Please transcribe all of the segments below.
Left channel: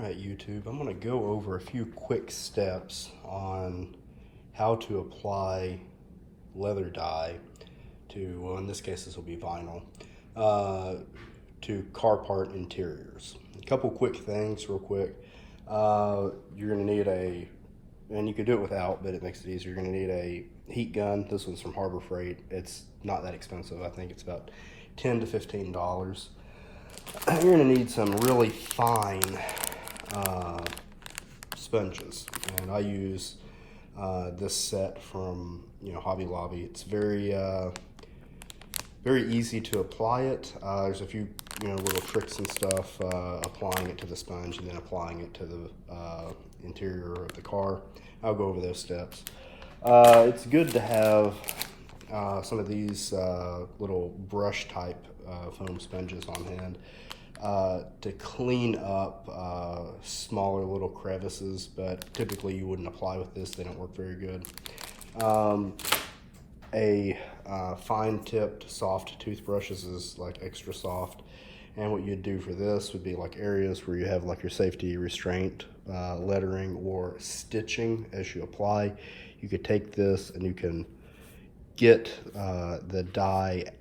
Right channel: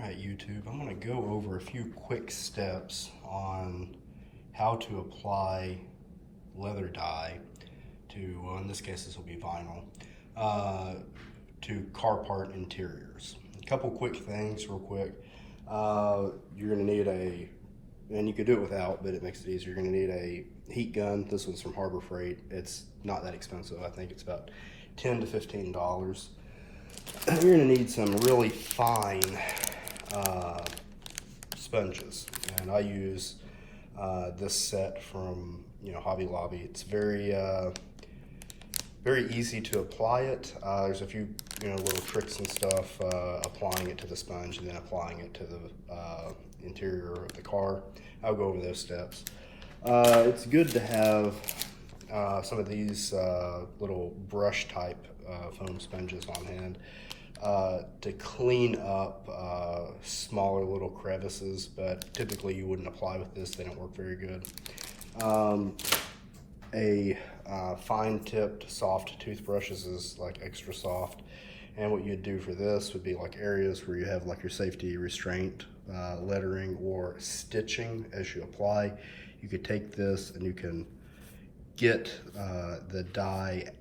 Alright YouTube, I'm going to go over a few quick steps on how to apply leather dye to, well in this case this will be vinyl, to car part interiors. A couple quick things real quick. You're going to need and you could do it without, but it makes it easier, you're going to need a heat gun. This one's from Harbor Freight. It's not that expensive. I think it's about $10 to $15. You're going to need some really fine sponges, and I use this set from Hobby Lobby. It's very easy to apply it. There's a few little tricks and stuff, applying it to the sponge and then applying it to the interior of the car. I'll go over those steps. It's good to have some of these little brush type foam sponges on hand to clean up smaller little crevices, but typically you wouldn't apply with this. They don't work very good. A fine tipped soft toothbrushes is like extra soft, and what you'd do for this would be like areas where you have like your safety restraint lettering or stitching as you apply. You could take this and you can get the dye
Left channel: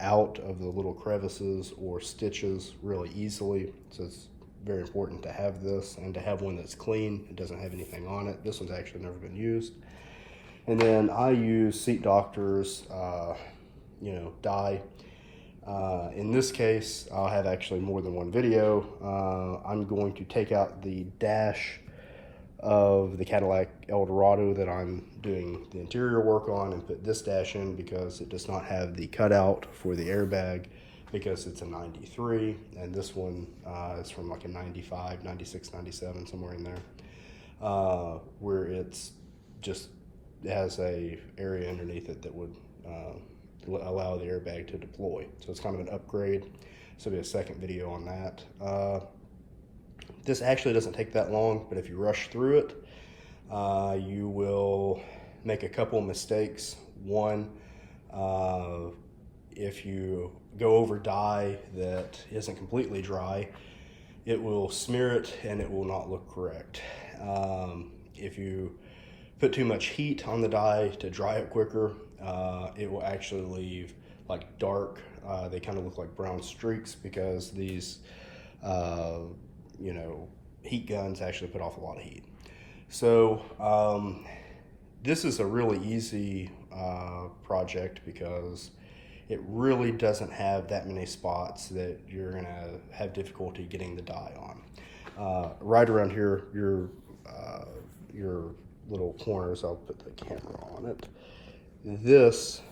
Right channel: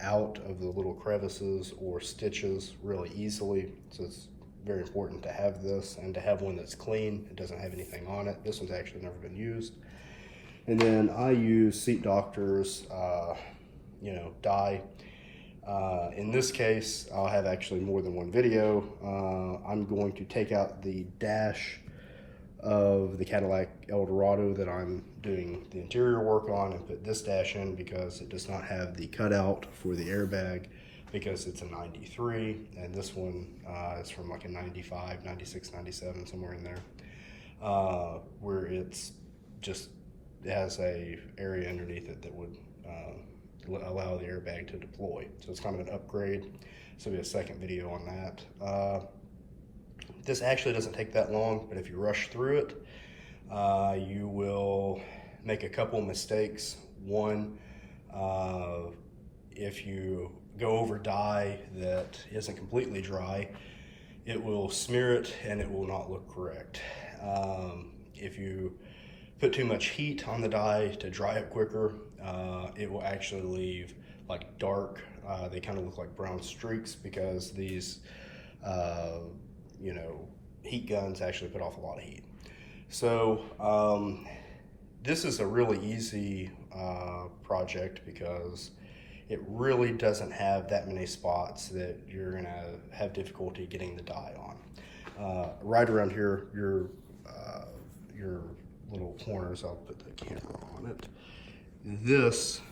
out of the little crevices or stitches really easily. So it's very important to have this and to have one that's clean. It doesn't have anything on it. This one's actually never been used. And then I use Seat Doctor's dye. In this case, I'll have actually more than one video. I'm going to take out the dash of the Cadillac Eldorado that I'm doing the interior work on and put this dash in because it does not have the cutout for the airbag because it's a 93, and this one is from like a 95, 96, 97, somewhere in there, where it has a area underneath it that would allow the airbag to deploy. So it's kind of an upgrade. So there'll be a second video on that. This actually doesn't take that long, but if you rush through it, you will make a couple of mistakes. One, if you go over dye that isn't completely dry, it will smear it and it will not look correct. If you put too much heat on the dye to dry it quicker, it will actually leave like dark, they kind of look like brown streaks because these heat guns actually put off a lot of heat. So this is a really easy project because it really doesn't have that many spots that you're going to have difficulty getting the dye on. Right around here, your little corners, I'll put the camera on it. This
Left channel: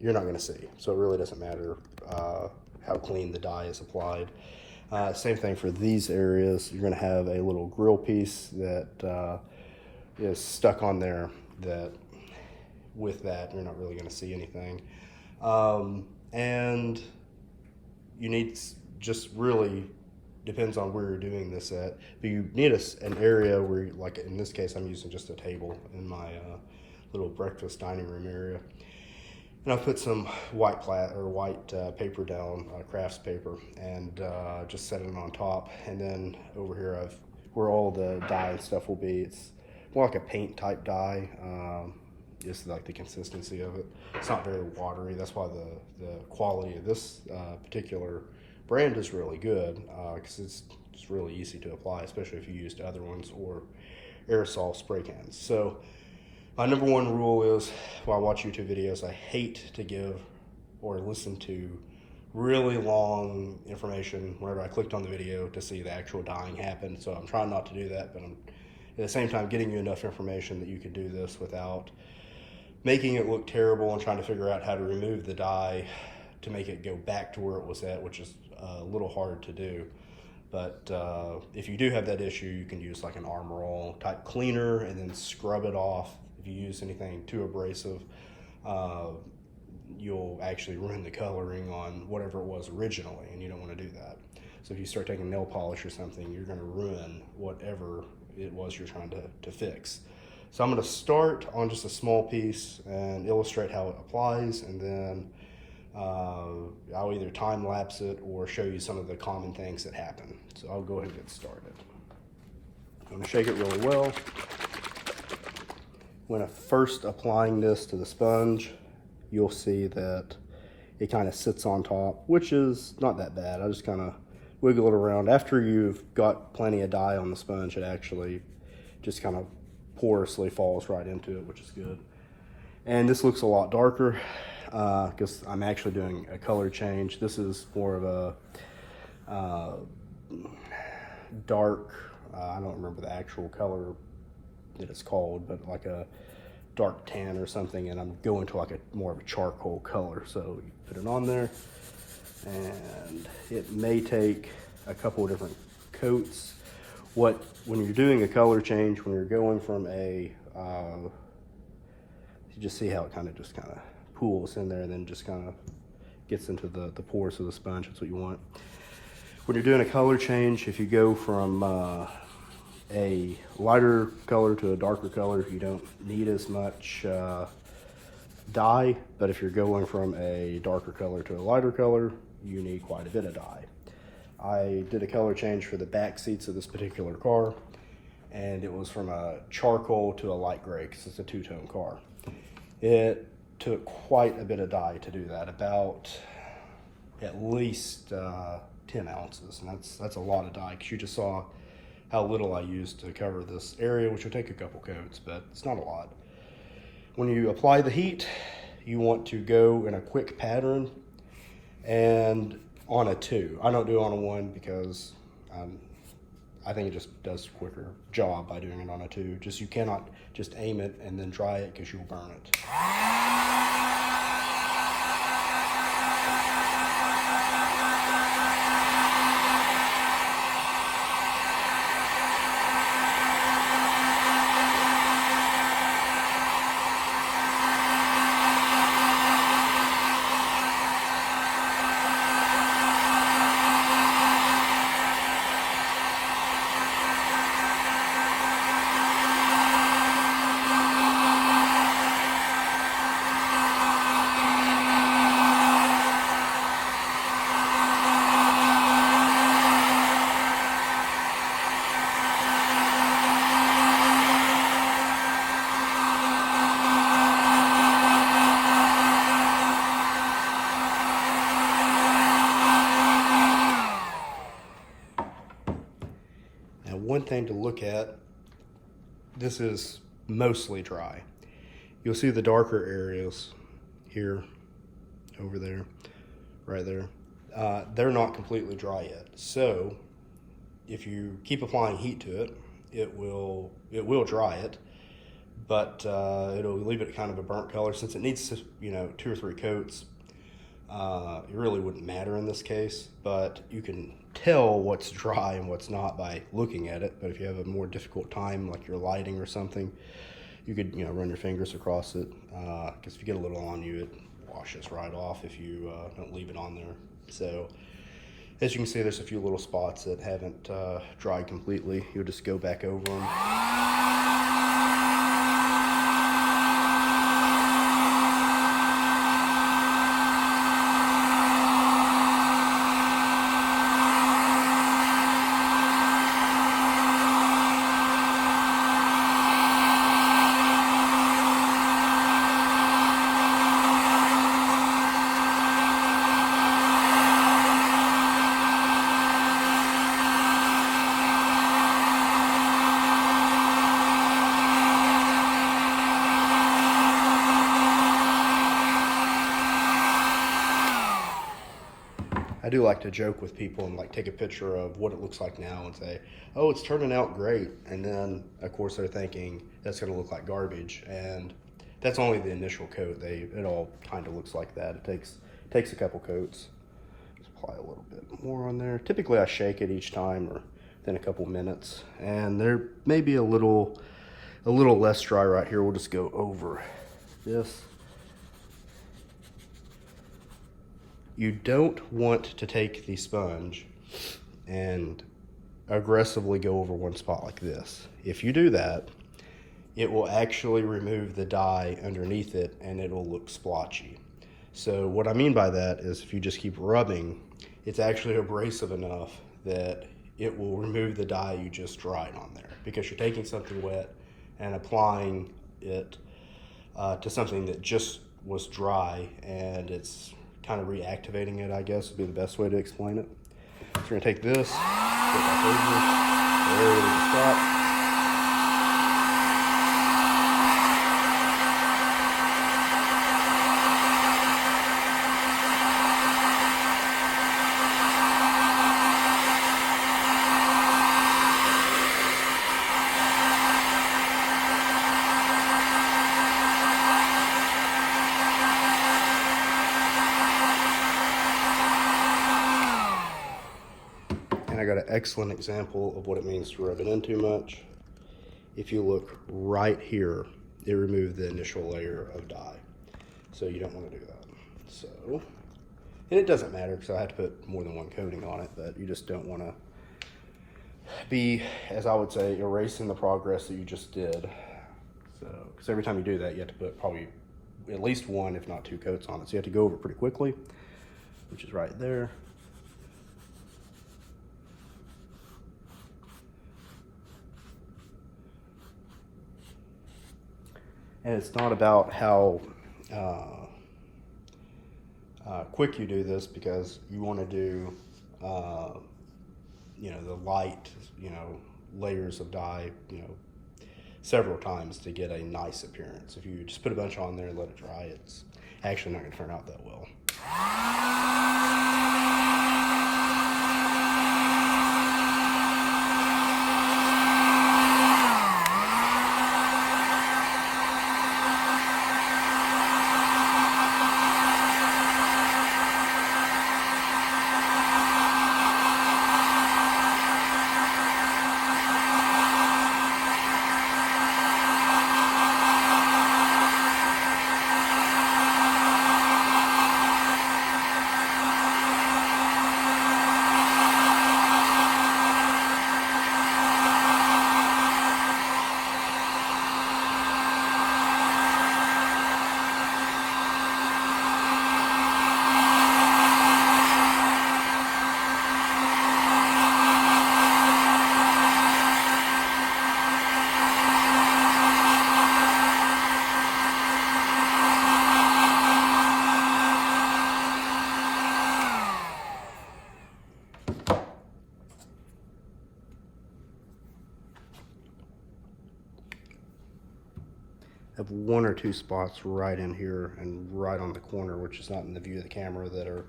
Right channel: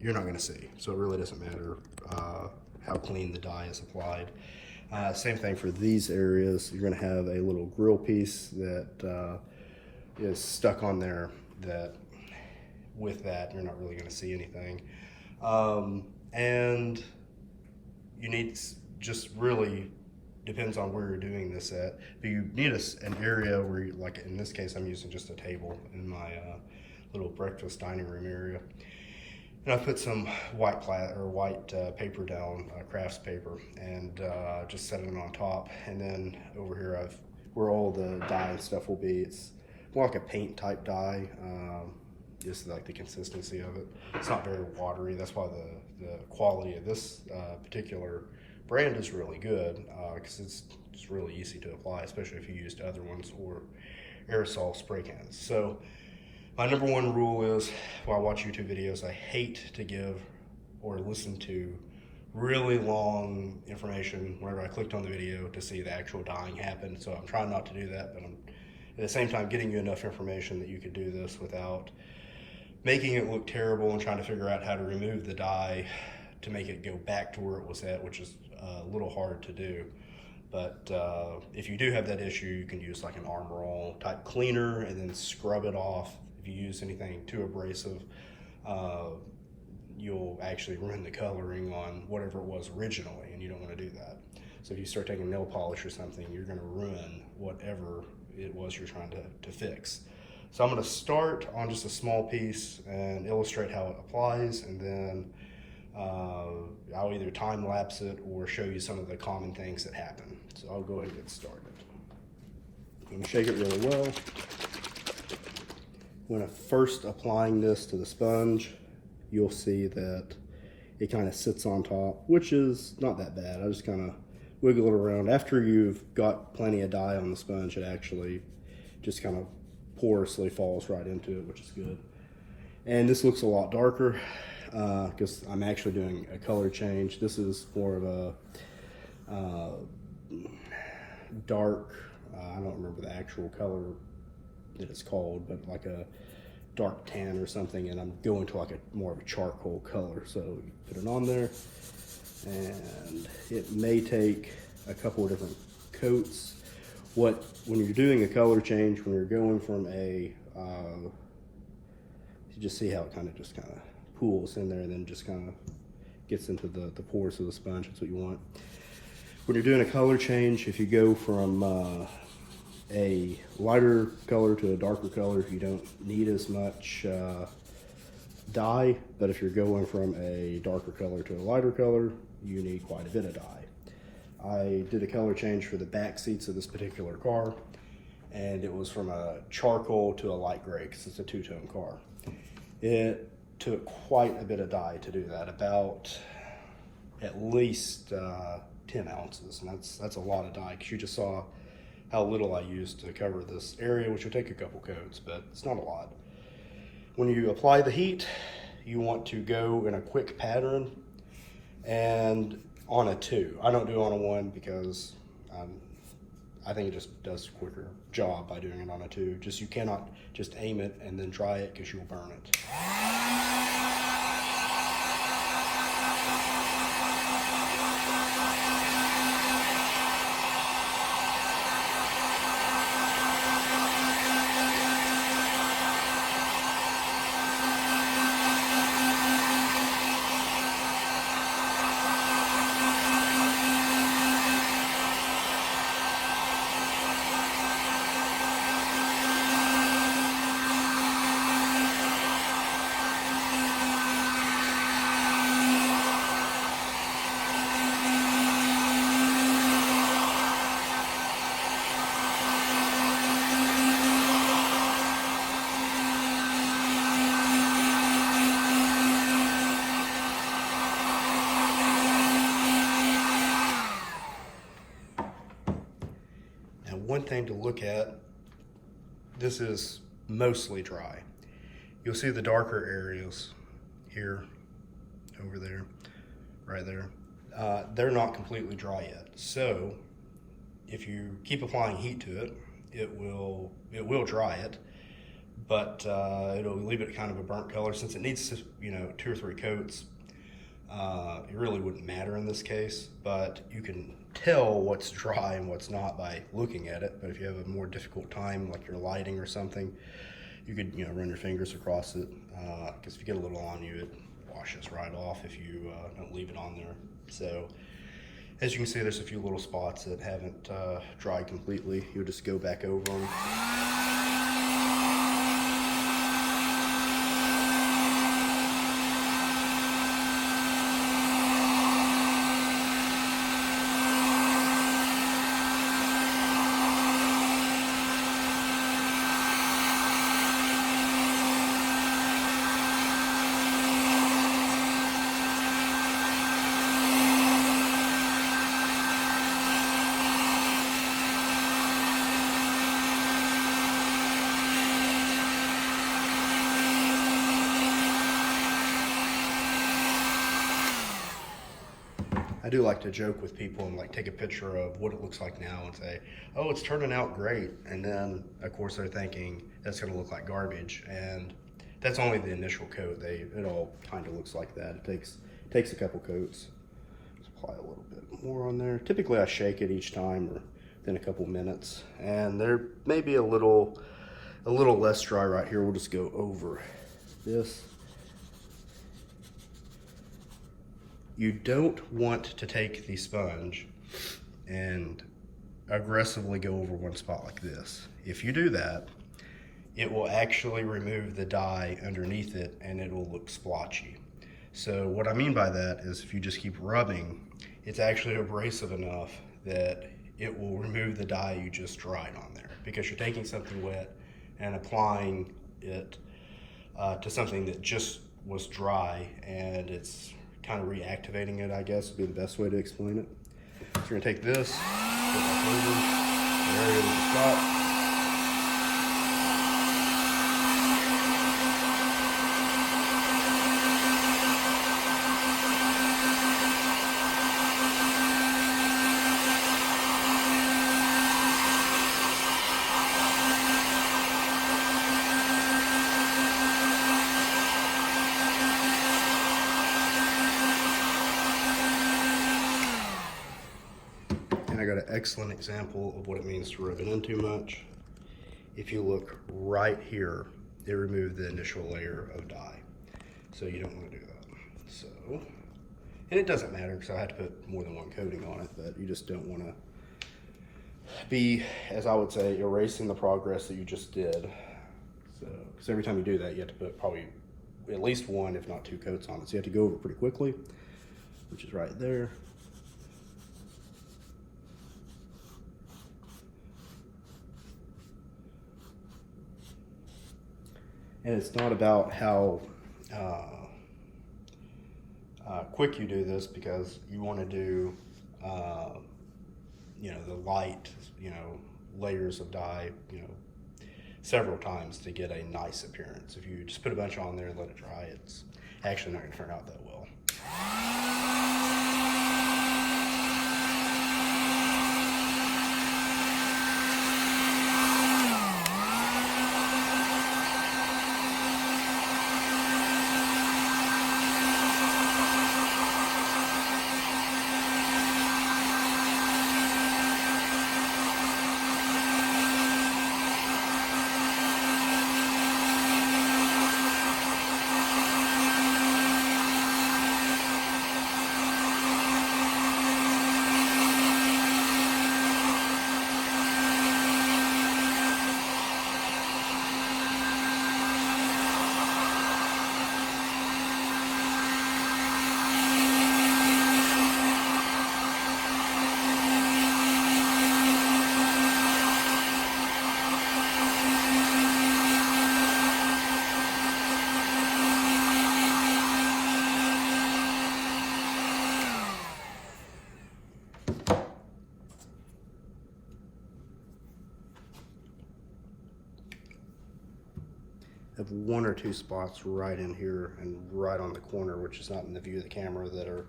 you're not going to see, so it really doesn't matter how clean the dye is applied. Same thing for these areas. You're going to have a little grill piece that is stuck on there that with that you're not really going to see anything. And you need, just really depends on where you're doing this at, but you need an area where you, like in this case I'm using just a table in my little breakfast dining room area. And I put some white paper down, crafts paper, and just set it on top. And then over here, where all the dye and stuff will be, it's more like a paint type dye, just like the consistency of it. It's not very watery. That's why the quality of this particular brand is really good, because it's really easy to apply, especially if you used other ones or aerosol spray cans. So my number one rule is, while I watch YouTube videos, I hate to give or listen to really long information whenever I clicked on the video to see the actual dyeing happen. So I'm trying not to do that, but I'm at the same time getting you enough information that you could do this without making it look terrible and trying to figure out how to remove the dye to make it go back to where it was at, which is a little hard to do. But if you do have that issue, you can use like an Arm Roll type cleaner and then scrub it off. If you use anything too abrasive, you'll actually ruin the coloring on whatever it was originally, and you don't want to do that. So if you start taking nail polish or something, you're going to ruin whatever it was you're trying to fix. So I'm going to start on just a small piece and illustrate how it applies, and then I'll either time lapse it or show you some of the common things that happen. So I'll go ahead and get started. I'm going to shake it really well. When I'm first applying this to the sponge, you'll see that it kind of sits on top, which is not that bad. I just kind of wiggle it around. After you've got plenty of dye on the sponge, it actually just kind of porously falls right into it, which is good. And this looks a lot darker because I'm actually doing a color change. This is more of a dark, I don't remember the actual color that it's called, but like a dark tan or something, and I'm going to like a more of a charcoal color. So you put it on there, and it may take a couple of different coats. When you're doing a color change, when you're going from a, you just see how it kind of pools in there and then just kind of gets into the pores of the sponge. That's what you want. When you're doing a color change, if you go from a lighter color to a darker color, you don't need as much dye, but if you're going from a darker color to a lighter color, you need quite a bit of dye. I did a color change for the back seats of this particular car, and it was from a charcoal to a light gray because it's a two-tone car. It took quite a bit of dye to do that, about at least 10 ounces, and that's a lot of dye, because you just saw how little I used to cover this area, which would take a couple coats, but it's not a lot. When you apply the heat, you want to go in a quick pattern and on a 2. I don't do it on a 1 because I think it just does a quicker job by doing it on a 2. You cannot just aim it and then dry it because you'll burn it. One thing to look at, this is mostly dry. You'll see the darker areas here, over there, right there. They're not completely dry yet. So if you keep applying heat to it, it will dry it, but it'll leave it kind of a burnt color. Since it needs to, 2 or 3 coats, it really wouldn't matter in this case, but you can tell what's dry and what's not by looking at it. But if you have a more difficult time, like you're lighting or something, you could run your fingers across it, because if you get a little on you, it washes right off if you don't leave it on there. So as you can see, there's a few little spots that haven't dried completely. You'll just go back over them. I do like to joke with people and like take a picture of what it looks like now and say, oh, it's turning out great. And then of course they're thinking that's gonna look like garbage. And that's only the initial coat. It all kind of looks like that. It takes a couple coats. Just apply a little bit more on there. Typically I shake it each time or then a couple minutes. And there may be a little less dry right here. We'll just go over this. You don't want to take the sponge and aggressively go over one spot like this. If you do that, it will actually remove the dye underneath it and it'll look splotchy. So what I mean by that is if you just keep rubbing, it's actually abrasive enough that it will remove the dye you just dried on there, because you're taking something wet and applying it to something that just was dry, and it's kind of reactivating it, I guess would be the best way to explain it. So we're gonna take this, I got an excellent example of what it means to rub it in too much. If you look right here, it removed the initial layer of dye. So you don't want to do that. So, and it doesn't matter because I had to put more than one coating on it, but you just don't want to be, as I would say, erasing the progress that you just did. So, because every time you do that, you have to put probably at least one, if not two coats on it. So you have to go over it pretty quickly, which is right there. And it's not about how quick you do this, because you want to do, you know, the light, you know, layers of dye, you know, several times to get a nice appearance. If you just put a bunch on there and let it dry, it's actually not going to turn out that well. I have one or two spots right in here and right on the corner, which is not in the view of the camera, that are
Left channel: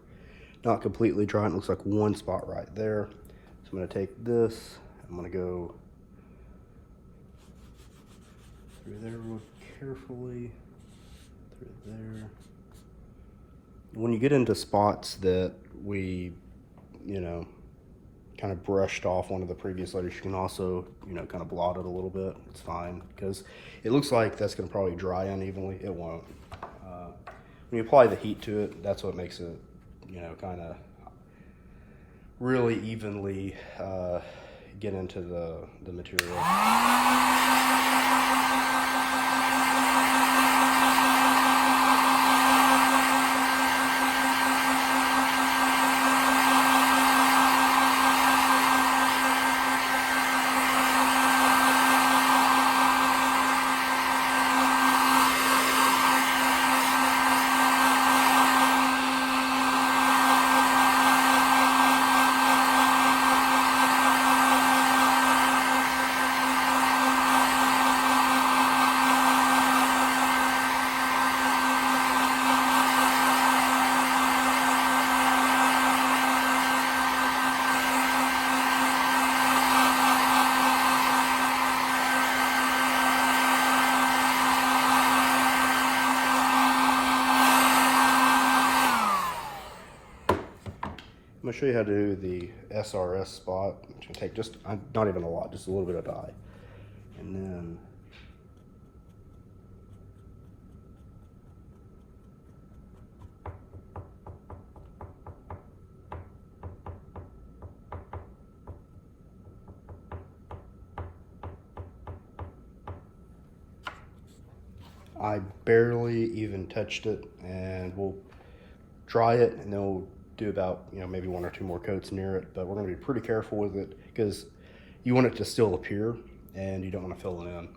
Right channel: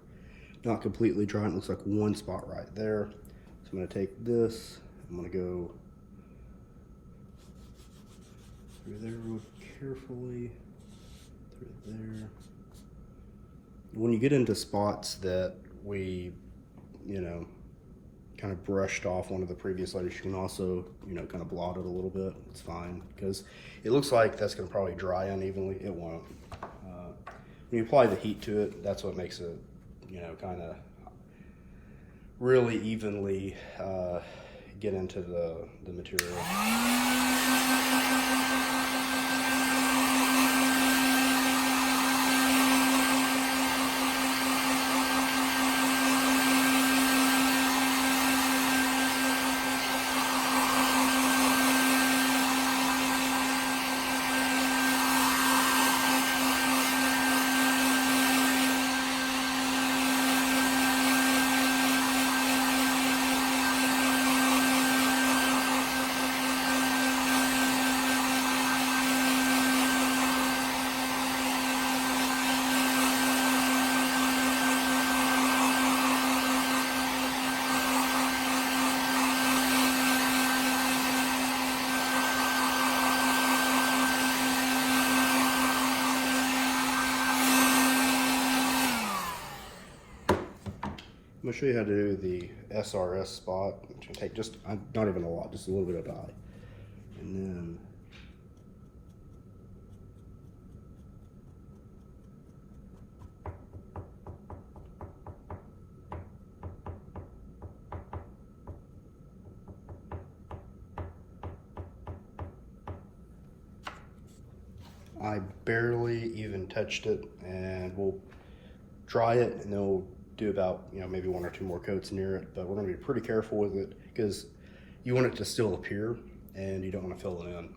not completely dry. It looks like one spot right there. So I'm going to take this, I'm going to go through there real carefully, through there. When you get into spots that we, you know, kind of brushed off one of the previous letters, you can also, you know, kind of blot it a little bit. It's fine, because it looks like that's going to probably dry unevenly. It won't. When you apply the heat to it, that's what makes it, you know, kind of really evenly get into the material. I'm going to show you how to do the SRS spot, which will take just, not even a lot, just a little bit of dye. And then I barely even touched it, and we'll dry it and then we'll do about, you know, maybe 1 or 2 more coats near it, but we're gonna be pretty careful with it because you want it to still appear and you don't want to fill it in.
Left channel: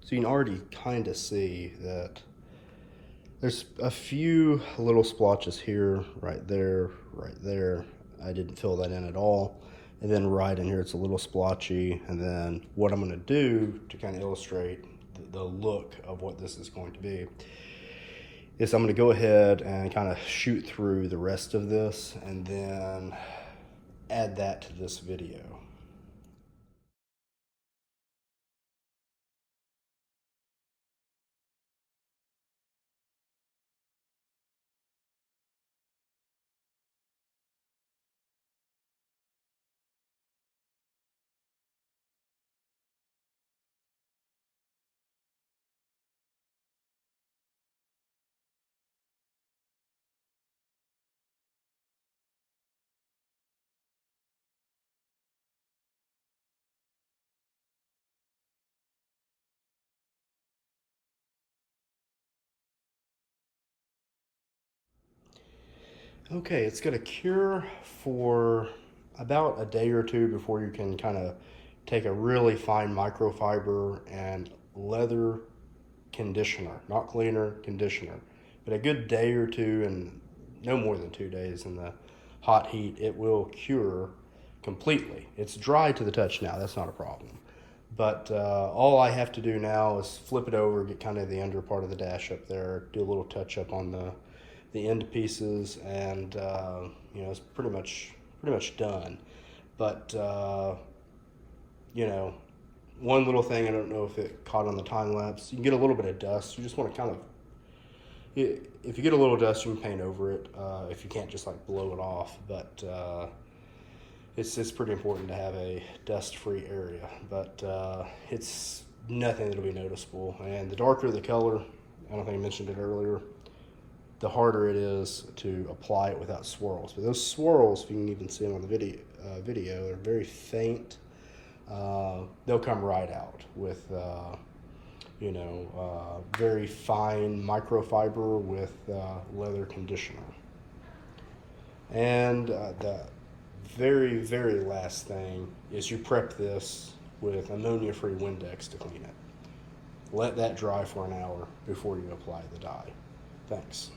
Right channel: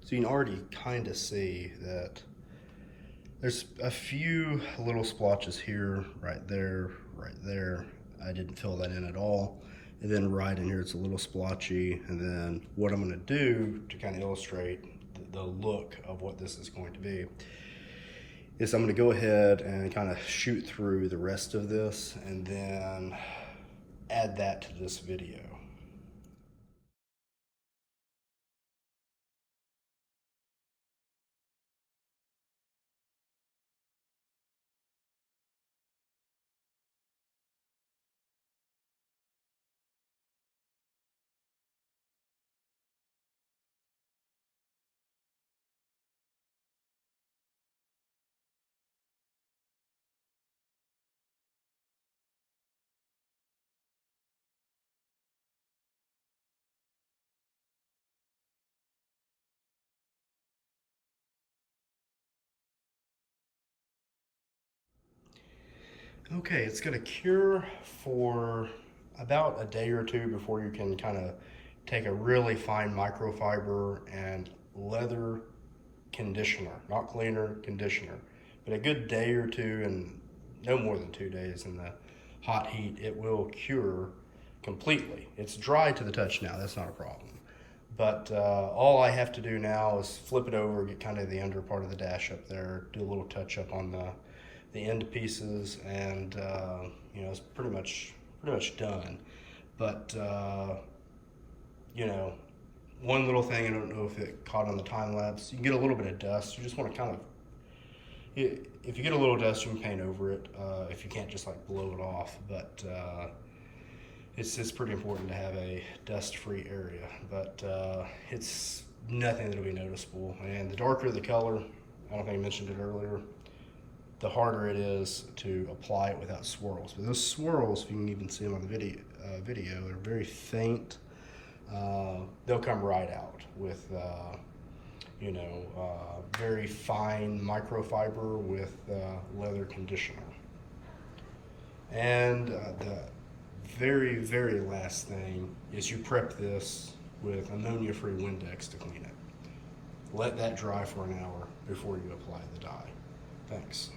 So you can already kind of see that there's a few little splotches here, right there, right there. I didn't fill that in at all. And then right in here, it's a little splotchy. And then what I'm gonna do to kind of illustrate the look of what this is going to be is I'm gonna go ahead and kind of shoot through the rest of this and then add that to this video. Okay, it's gonna cure for about a day or two before you can kind of take a really fine microfiber and leather conditioner, not cleaner, conditioner. But a good day or two, and no more than 2 days in the hot heat, it will cure completely. It's dry to the touch now, that's not a problem. But all I have to do now is flip it over, get kind of the under part of the dash up there, do a little touch up on the end pieces, and you know, it's pretty much done. But you know, one little thing, I don't know if it caught on the time lapse, you can get a little bit of dust. You just want to kind of, if you get a little dust, you can paint over it. If you can't, just like blow it off. But it's pretty important to have a dust-free area. But it's nothing that'll be noticeable. And the darker the color, I don't think I mentioned it earlier, the harder it is to apply it without swirls. But those swirls, if you can even see them on the video, are very faint. They'll come right out with, you know, very fine microfiber with leather conditioner. And the very, very last thing is you prep this with ammonia-free Windex to clean it. Let that dry for an hour before you apply the dye. Thanks.